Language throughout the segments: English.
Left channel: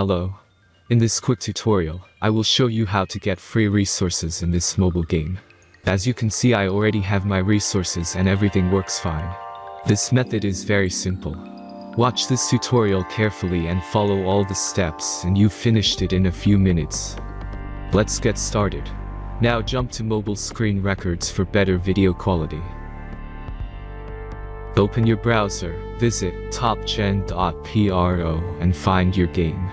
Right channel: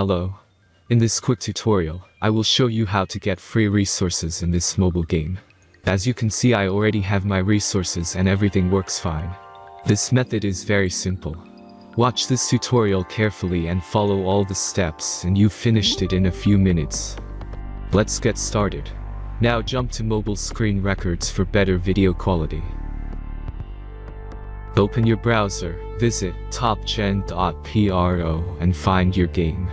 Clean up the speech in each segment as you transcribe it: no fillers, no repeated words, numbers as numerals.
Hello. In this quick tutorial, I will show you how to get free resources in this mobile game. As you can see, I already have my resources and everything works fine. This method is very simple. Watch this tutorial carefully and follow all the steps and you've finished it in a few minutes. Let's get started. Now jump to mobile screen records for better video quality. Open your browser, visit topgen.pro and find your game.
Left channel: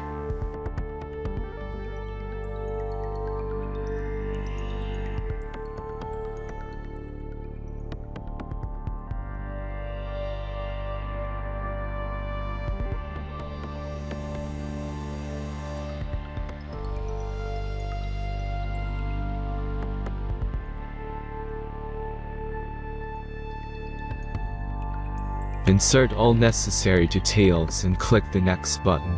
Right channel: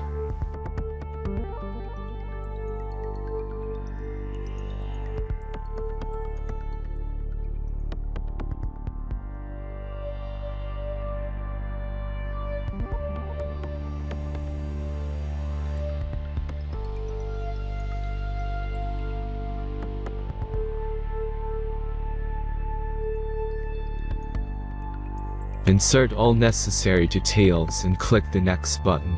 Insert all necessary details and click the next button.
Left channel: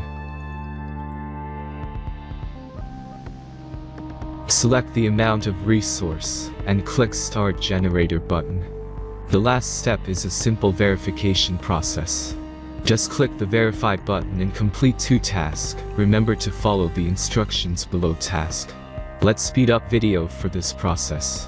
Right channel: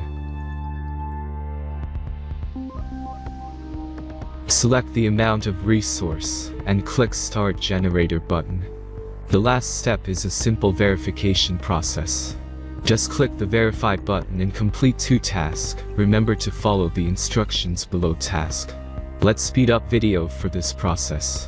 Select the amount of resource and click Start Generator button. The last step is a simple verification process. Just click the Verify button and complete 2 tasks. Remember to follow the instructions below task. Let's speed up video for this process.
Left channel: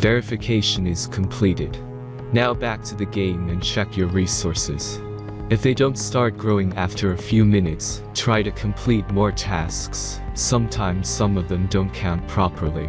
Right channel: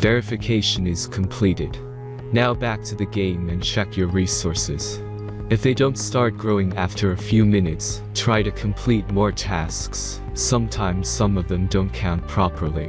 Verification is completed. Now back to the game and check your resources. If they don't start growing after a few minutes, try to complete more tasks. Sometimes some of them don't count properly.